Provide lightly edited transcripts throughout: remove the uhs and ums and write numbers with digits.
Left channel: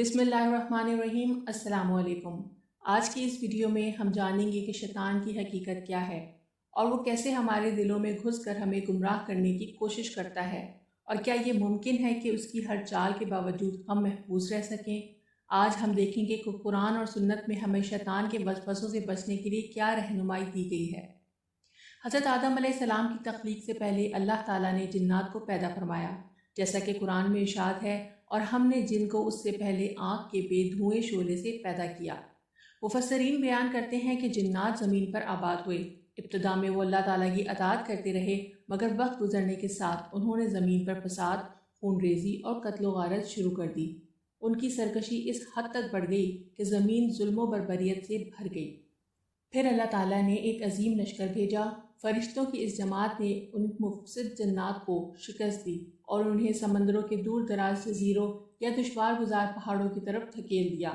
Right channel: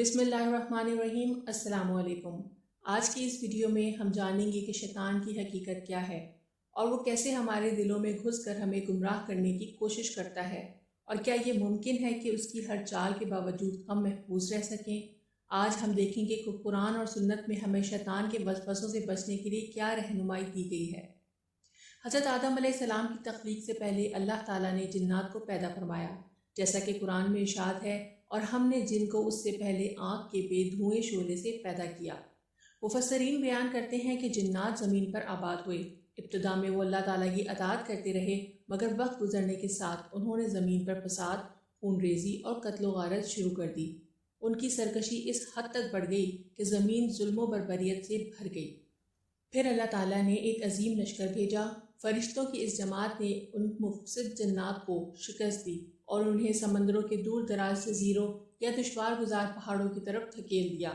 بسم اللہ الرحمن الرحیم۔ السلام علیکم۔ آج کی اس ویڈیو میں ہم جانیں گے کہ شیطان کی حقیقت کیا ہے اور وہ کیسے ہمارے دلوں میں گھس کر ہمیں گمراہ کرنے کی کوشش کرتا ہے، اور کیا یہ ممکن ہے کہ اس کی ہر چال کے باوجود ہم محفوظ رہ سکیں۔ آج ہم دیکھیں گے کہ قرآن اور سنت میں ہمیں شیطان کے وسوسوں سے بچنے کے لیے کیا رہنمائی دی گئی ہے۔ حضرت آدم علیہ السلام کی تخلیق سے پہلے اللہ تعالیٰ نے جنات کو پیدا فرمایا، جیسا کہ قرآن میں ارشاد ہے، اور ہم نے جن کو اس سے پہلے آگ کے بے دھوئیں شعلے سے پیدا کیا۔ مفسرین بیان کرتے ہیں کہ جنات زمین پر آباد ہوئے۔ ابتدا میں وہ اللہ تعالیٰ کی اطاعت کرتے رہے، مگر وقت گزرنے کے ساتھ انہوں نے زمین پر فساد، خون ریزی اور قتل و غارت شروع کر دی۔ ان کی سرکشی اس حد تک بڑھ گئی کہ زمین ظلم و بربریت سے بھر گئی۔ پھر اللہ تعالیٰ نے ایک عظیم لشکر بھیجا۔ فرشتوں کی اس جماعت نے ان مفسد جنات کو شکست دی اور انہیں سمندروں کے دور دراز جزیروں یا دشوار گزار پہاڑوں کی طرف دھکیل دیا۔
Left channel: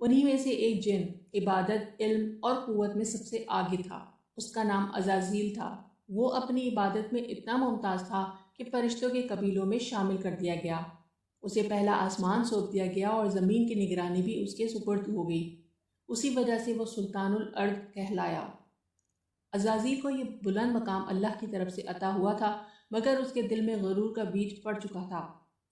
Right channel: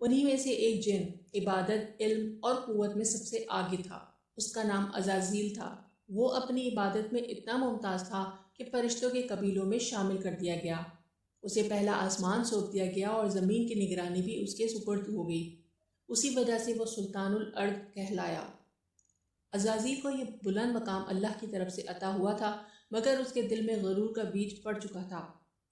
انہی میں سے ایک جن عبادت، علم اور قوت میں سب سے آگے تھا۔ اس کا نام عزازیل تھا۔ وہ اپنی عبادت میں اتنا ممتاز تھا کہ فرشتوں کے قبیلوں میں شامل کر دیا گیا۔ اسے پہلا آسمان سونپ دیا گیا اور زمین کی نگرانی بھی اس کے سپرد ہو گئی۔ اسی وجہ سے وہ سلطان الارض کہلایا۔ عزازیل کو یہ بلند مقام اللہ کی طرف سے عطا ہوا تھا، مگر اس کے دل میں غرور کا بیج پڑ چکا تھا۔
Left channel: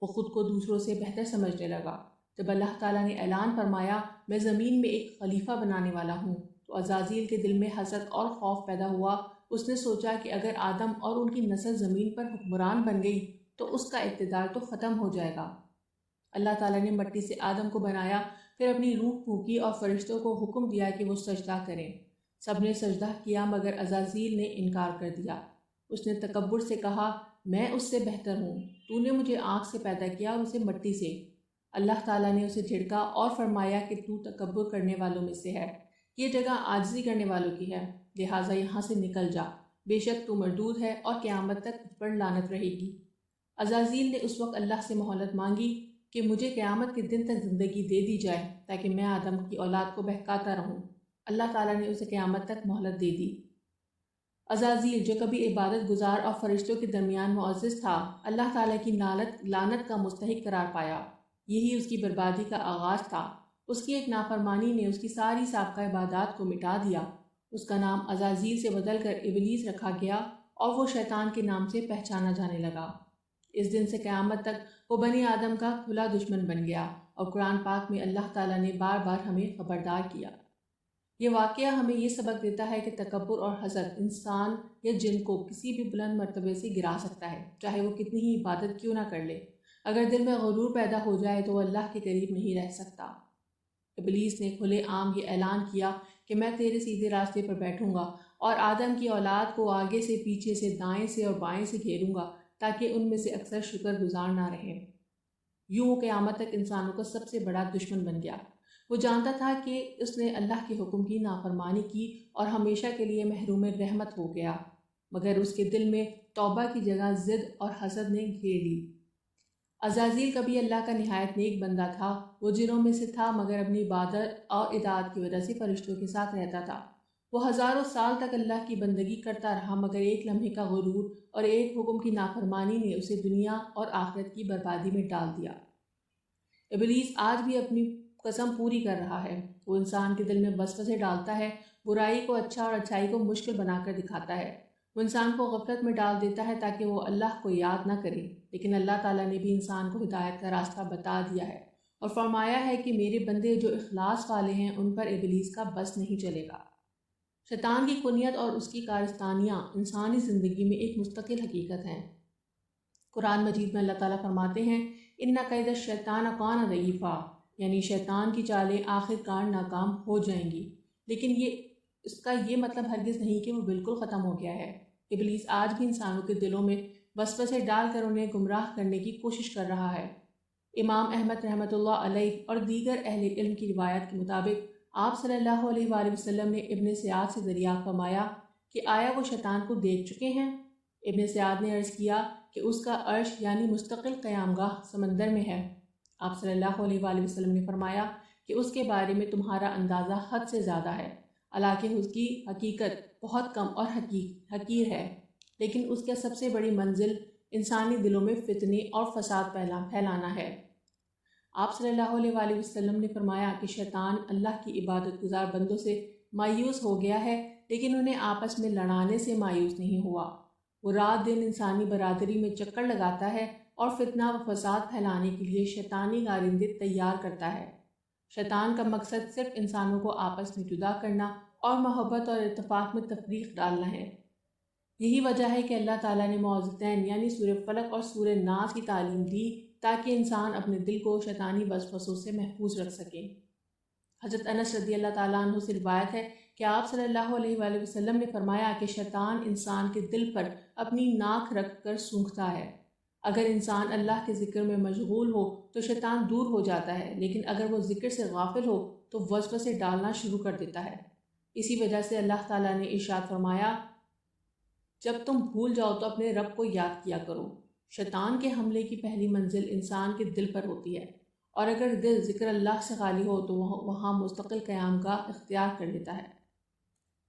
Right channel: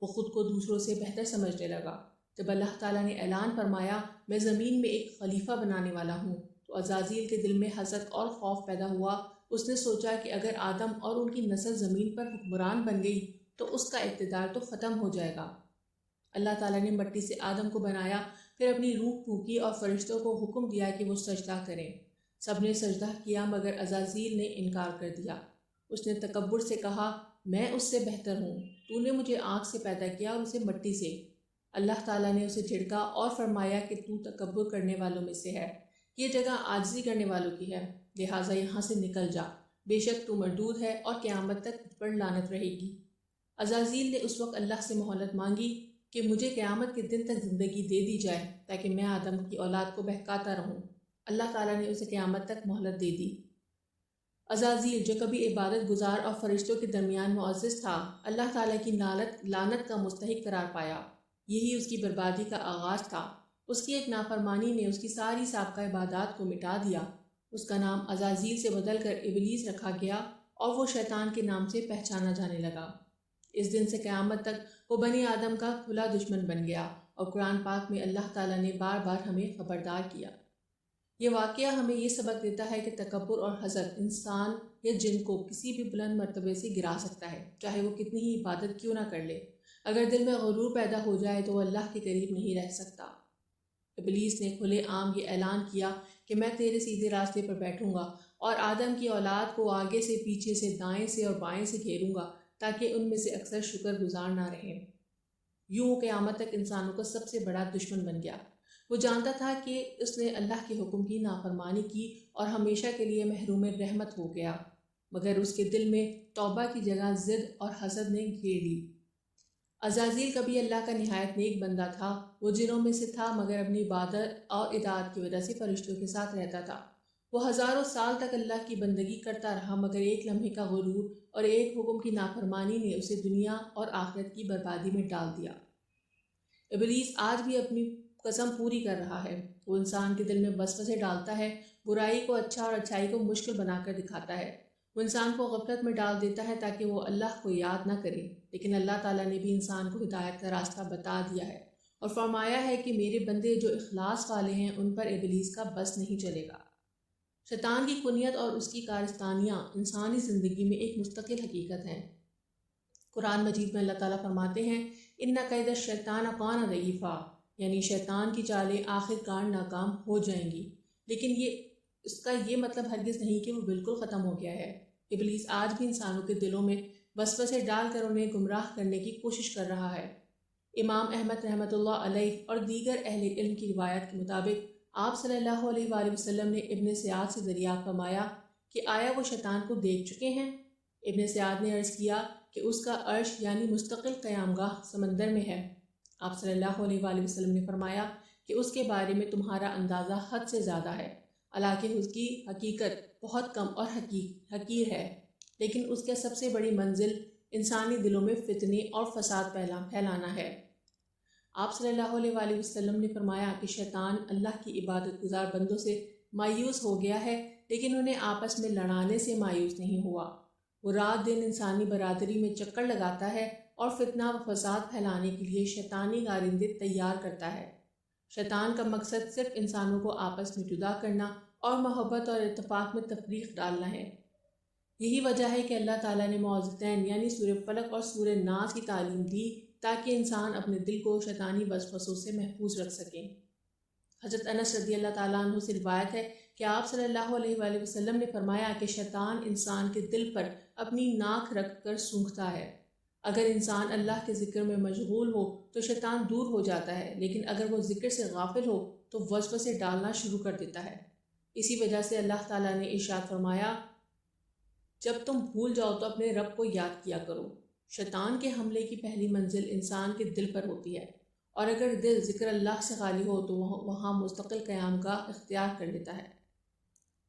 وہ خود کو دوسروں سے بہتر سمجھنے لگا۔ جب اللہ تعالیٰ نے اعلان فرمایا، میں زمین میں ایک خلیفہ بنانے والا ہوں، تو عزازیل کے دل میں حسد اور خوف پیدا ہوا۔ اس نے سوچا کہ اگر آدم اور ان کی نسل زمین پر حکمران بن گئی تو اس کا اقتدار تو ختم ہو جائے گا۔ اللہ تعالیٰ نے مٹی سے آدم کو بنایا، پھر اپنی روح پھونکی اور فرشتوں کو حکم دیا کہ وہ سجدہ کریں۔ سب نے سجدہ کیا، مگر عزازیل نے انکار کر دیا۔ اس نے تکبر سے کہا، میں اس سے بہتر ہوں، تو نے مجھے آگ سے پیدا کیا اور اسے مٹی سے۔ اللہ تعالیٰ نے اسے جھڑکا اور فرمایا کہ تو تکبر کرنے والوں میں سے ہے، یہ جگہ عاجزی کرنے والوں کی ہے، لہٰذا یہاں سے نکل جا، بے شک تو مردود ہے اور قیامت تک تجھ پر لعنت رہے گی۔ عزازیل نے اس وقت اللہ سے مہلت مانگی کہ مجھے قیامت کے دن تک زندگی دے دی جائے تاکہ میں آدم کی اولاد کو بہکاتا رہوں۔ اللہ تعالیٰ نے اسے قیامت تک مہلت دے دی۔ عزازیل جو کبھی عبادت گزار اور فرشتوں کے درمیان معزز تھا، اللہ تعالیٰ کی لعنت کا مستحق قرار پایا۔ یہی اس کی بربادی کا آغاز تھا۔ اس کی ایک نافرمانی نے اس کی ساری سابقہ عبادات کو مٹا دیا۔ اس کا نام عزازیل سے بدل کر ابلیس رکھا گیا اور وہ شیطان کے نام سے پہچانا جانے لگا۔ اس دن سے قیامت تک وہ بنی آدم کا کھلا دشمن بن گیا، اور قرآن پاک میں اللہ تعالیٰ نے بار بار ہمیں خبردار کیا۔ یہ واقعہ ہمیں یہ سبق دیتا ہے کہ تکبر اور حسد انسان یا جن کو کسی بھی بلند مرتبے سے گرا سکتا ہے، چاہے وہ کتنی ہی عبادت کیوں نہ کر لے۔ اگر دل میں غرور پیدا ہو جائے تو وہ اللہ کے قریب نہیں رہ سکتا۔ ابلیس نے کھلے عام یہ اعلان کیا کہ میں تیرے سیدھے راستے پر بیٹھوں گا اور آدم کی اولاد کو آگے سے، پیچھے سے، دائیں سے اور بائیں سے گھیروں گا تاکہ ان میں سے اکثر شکر گزار نہ رہیں۔ یوں وہ قیامت تک انسانوں کا سب سے بڑا دشمن بن گیا۔ وہ جانتا تھا کہ اس نے اللہ کے حکم کی نافرمانی کی اور ہمیشہ کے لیے محروم رحمت ہو گیا، مگر اس کے دل میں توبہ کی جگہ ضد اور حسد نے گھیر لی۔ عزازیل کبھی اللہ کا نہایت نیک بندہ تھا۔ وہ جنوں میں سے تھا، مگر اپنی عبادت اور اطاعت کی وجہ سے فرشتوں کے ساتھ رہتا تھا۔ وہ ہزاروں سال تک اللہ کی بندگی کرتا رہا، مگر ایک لمحے کا غرور اور ایک حکم کی نافرمانی نے اسے دنیا اور آخرت کی بربادی میں ڈال دیا۔ ابلیس آج بھی اپنی قسم پوری کر رہا ہے۔ وہ انسان کے دل میں وسوسے ڈالتا ہے، برائی کو اچھا اور اچھائی کو مشکل بنا کر دکھاتا ہے۔ وہ انسان کو غفلت میں ڈال دیتا ہے تاکہ وہ اللہ کو یاد نہ کرے، لیکن اللہ تعالیٰ نے بھی انسان کو ہدایت کا راستہ بتا دیا ہے اور فرمایا ہے کہ میرے بندے جو اخلاص والے ہیں ان پر ابلیس کا بس نہیں چلے گا۔ شیطان کی کنیت اور اس کی کارستانیاں انسانی زندگی میں ایک مستقل حقیقت ہیں۔ قرآن مجید میں اللہ تعالیٰ فرماتے ہیں، اِنَّ کَیْدَ الشَّیطَانَ کَانَ ضَعِیفًا، یعنی شیطان کی چالیں آخر کار ناکام ہو جائیں گی، لیکن اس کا یہ مطلب ہرگز نہیں کہ وہ بالکل ختم ہو گیا ہے۔ ابلیس آج بھی انسانوں کے دلوں میں وسوسے ڈال کر انہیں گمراہ کرنے کی کوشش کر رہا ہے۔ امام احمد رحمۃ اللہ علیہ اور دیگر اہل علم کی روایت کے مطابق آپ صلی اللہ علیہ وآلہ وسلم نے ابن سیاد سے دریافت فرمایا کہ آیا وہ شیطان کو دیکھ چکے ہیں؟ ابن سیاد نے عرض کیا کہ اس کا عرش یعنی مستقل قیام گاہ سمندر میں ہے۔ آپ صلی اللہ علیہ وآلہ وسلم نے فرمایا کہ اس کے بارے میں تمہارا اندازہ حد سے زیادہ ہے، حالانکہ اس کی حقیقت بہت کم اور حقیر ہے، لیکن اس کا سب سے بڑی منزل انسانی دلوں میں فتنے اور فساد پھیلانا ہے۔ آپ صلی اللہ علیہ وسلم نے فرمایا کہ شیطان اللہ کی عبادت گزار بندوں سے مایوس ہو گیا ہے، لیکن انہیں آپس میں لڑانے سے مایوس نہیں ہوا۔ وہ رات دن انسانی برادری میں چکر لگاتا ہے اور فتنہ و فساد پھیلانے کے لیے شیطانی کارندے تیار کرتا ہے۔ شیطان کا مقصد صرف انسانوں کو آپس میں جدا کرنا اور محبت اور اتفاق میں تفریق ڈالنا ہے۔ یہی وجہ ہے کہ اللہ تعالیٰ نے معوذتین یعنی سورہ فلق اور سورہ ناس کی تعلیم دی تاکہ انسان اپنے دل کو شیطانی وسوسوں سے محفوظ رکھ سکے۔ حضرت انس رضی اللہ تعالیٰ عنہ سے روایت ہے کہ آپ صلی اللہ علیہ وسلم نے فرمایا کہ شیطان انسان کے دل پر اپنی ناک رکھ کر سونگھتا ہے۔ اگر انسان اللہ کے ذکر میں مشغول ہو تو شیطان دور ہو جاتا ہے، لیکن اگر وہ ذکر سے غافل ہو تو وسوسے ڈالنا شروع کر دیتا ہے۔ اسی وجہ سے اللہ تعالیٰ نے ارشاد فرمایا، جب تم بھول جاؤ تو اپنے رب کو یاد کیا کرو۔ شیطان کے حملے کی پہلی منزل انسان کے دل پر ہوتی ہے، اور اگر دل ذکر اللہ سے خالی ہو تو وہاں مستقل قیام کا اختیار کر لیتا ہے۔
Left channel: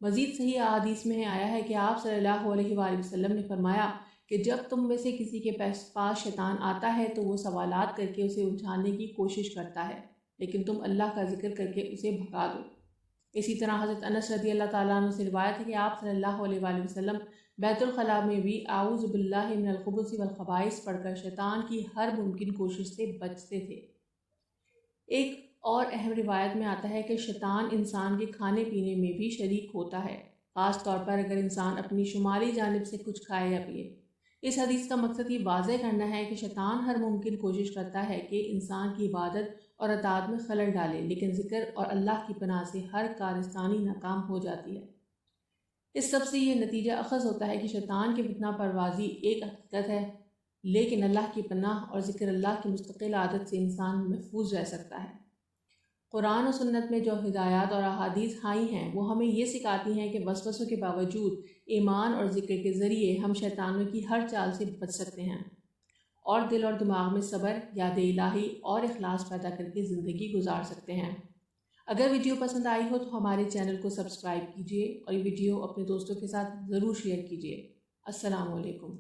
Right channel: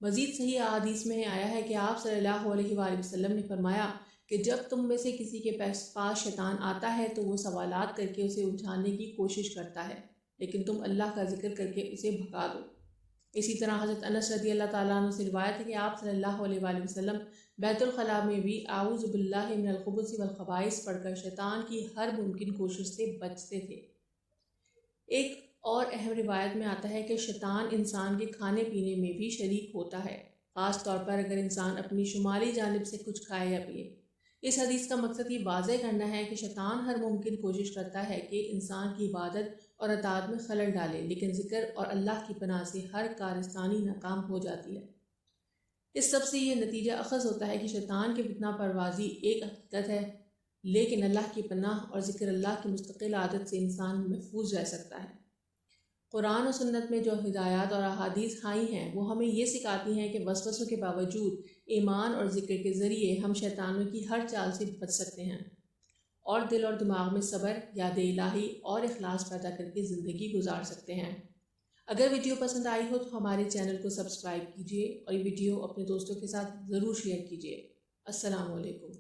مزید صحیح احادیث میں آیا ہے کہ آپ صلی اللہ علیہ وسلم نے فرمایا کہ جب تم میں سے کسی کے پاس شیطان آتا ہے تو وہ سوالات کر کے اسے الجھانے کی کوشش کرتا ہے، لیکن تم اللہ کا ذکر کر کے اسے بھگا دو۔ اسی طرح حضرت انس رضی اللہ تعالیٰ عنہ سے روایت ہے کہ آپ صلی اللہ علیہ وسلم بیت الخلاء میں بھی اعوذ باللہ من الخبث والخبائث پڑھ کر شیطان کی ہر ممکن کوشش سے بچتے تھے۔ ایک اور اہم روایت میں آتا ہے کہ شیطان انسان کے کھانے پینے میں بھی شریک ہوتا ہے، خاص طور پر اگر انسان اپنی شمالی جانب سے کچھ کھائے یا پیے۔ اس حدیث کا مقصد یہ واضح کرنا ہے کہ شیطان ہر ممکن کوشش کرتا ہے کہ انسان کی عبادت اور اطاعت میں خلل ڈالے، لیکن ذکر اور اللہ کی پناہ سے ہر کارستانی ناکام ہو جاتی ہے۔ اس سب سے یہ نتیجہ اخذ ہوتا ہے کہ شیطان کی فتنہ پروازی ایک حقیقت ہے، لیکن اللہ کی پناہ اور ذکر اللہ کی مستقل عادت سے انسان محفوظ رہ سکتا ہے۔ قرآن و سنت میں جو ہدایات اور احادیث آئی ہیں وہ ہمیں یہ سکھاتی ہیں کہ وسوسوں کے باوجود ایمان اور ذکر کے ذریعے ہم شیطانوں کی ہر چال سے بچ سکتے ہیں اور دل اور دماغ میں صبر، یاد الہی اور اخلاص پیدا کر کے زندگی گزار سکتے ہیں۔ اگر ویڈیو پسند آئی ہو تو ہمارے چینل کو سبسکرائب کیجیے اور یہ ویڈیو اپنے دوستوں کے ساتھ ضرور شیئر کیجیے۔ السلام علیکم۔